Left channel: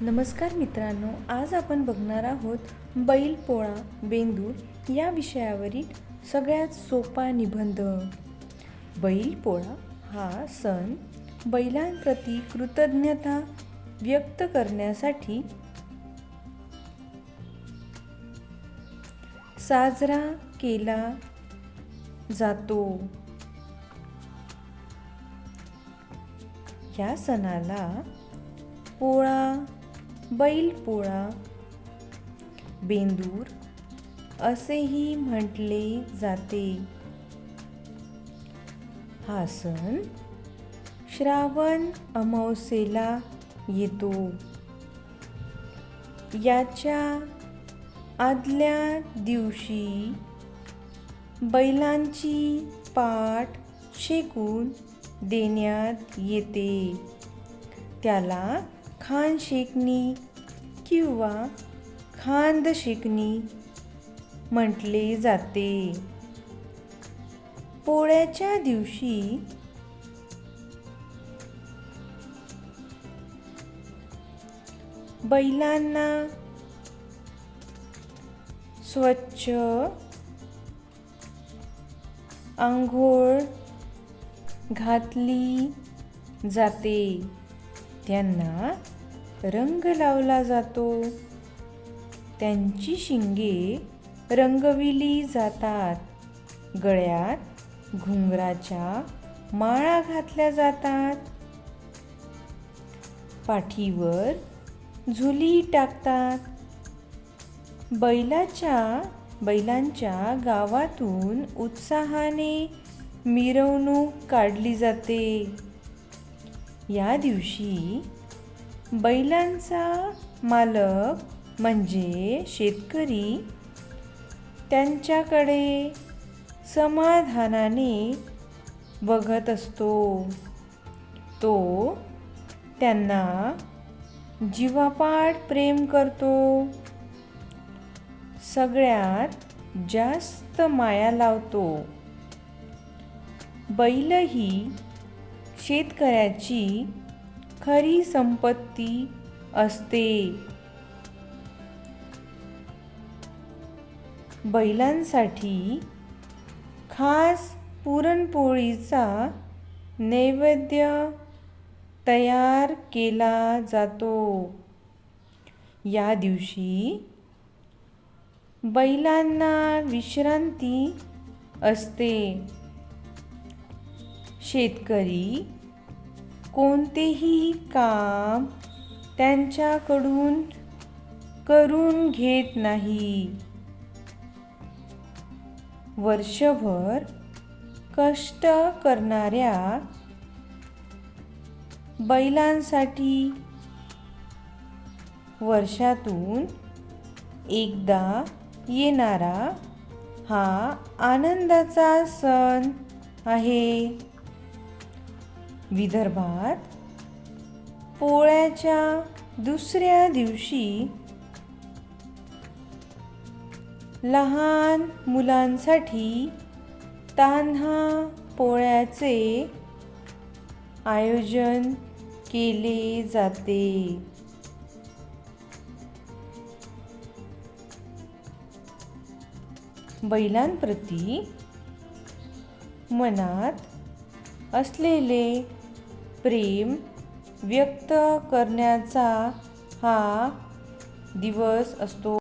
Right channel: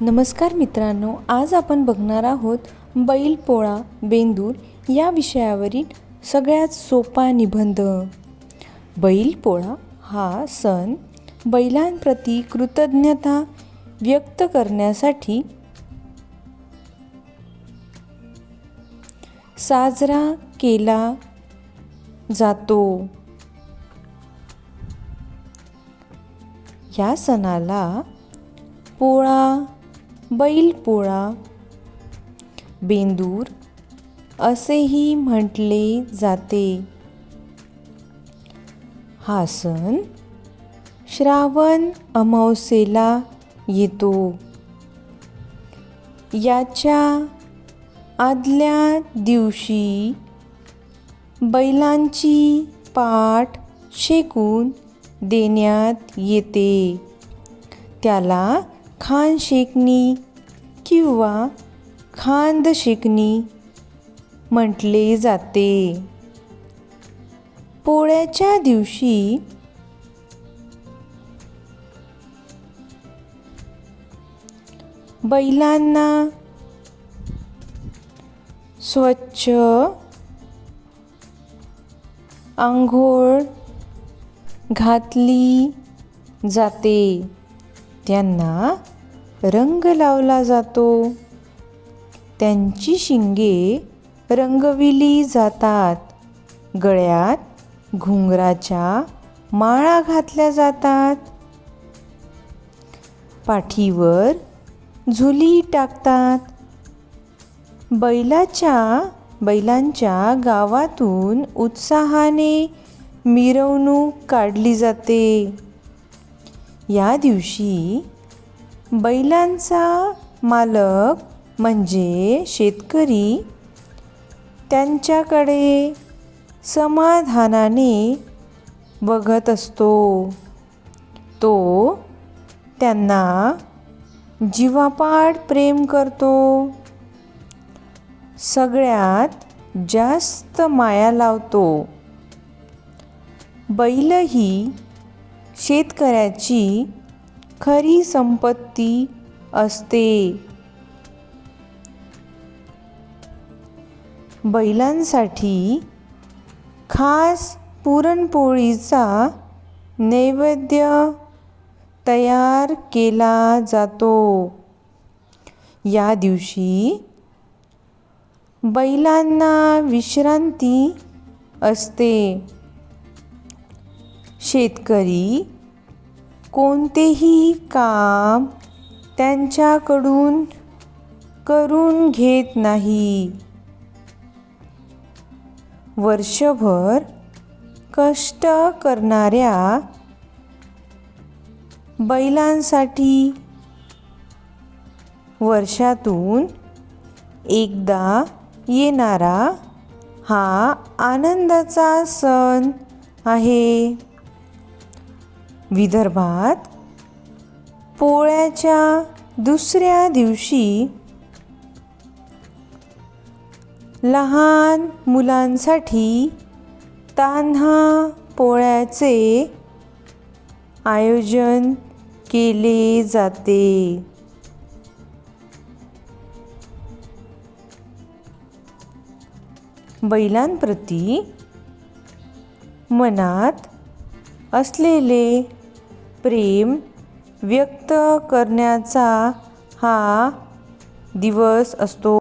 नमस्कार मित्रांनो आज आपण बघणार आहोत बैलपोळा बेंदूर या विषयावरील सगळ्यात सोपा निबंध. बैलपोळा हा सण बैलांप्रती कृतज्ञता व्यक्त करण्यासाठी साजरा केला जातो. या सणाला पोळा बैलपोळा बेंदूर असेही म्हटले जाते. हा सण श्रावण अमावस्येला येतो. याच्या आदल्या दिवशी बैलांची पाठ शेकून देण्यात येते. त्याला खान शेकणी किंवा खांद शेकणी म्हटले जाते. पोळ्याच्या दिवशी बैलांना स्वच्छ आंघोळ घातली जाते. त्यांना रंग लावला जातो. त्यांची शिंगे रंगविली जातात. गळ्यात घुंगराच्या माळा घातल्या जातात. पाठीवर झुली टाकतात. बैलाच्या बैलांच्या गावातून उत्साहाने मिरवणूक काढली जाते. या दिवशी बैलांचा मालक म्हणजे शेतकरी. त्यांच्याकडे समाधानाने बघत असतो. तो त्यांना जीवापाड प्रेम करतो. सगळ्यात जास्त माया लावतो. बैलही शेतकऱ्याची खरी संपत्ती असते. बैलांसाठी खास पुरणपोळीचा नैवेद्य तयार केला जातो. या दिवशी बैलांना विश्रांती असते. शेतकरी कोणतेही काम त्यांच्याकडून करून घेत नाही. वर्षभर कष्ट करणाऱ्या बैलांसाठी वर्षातून एकदा येणारा हा आनंदाचा सण आहे. विदर्भात पोळ्याच्या दुसऱ्या दिवशी लहान मुलांसाठी तान्हा पोळ्याचे आयोजन केले जाते. बैलांप्रती मनात असलेले प्रेम व्यक्त करण्याचा हा दिवस असतो.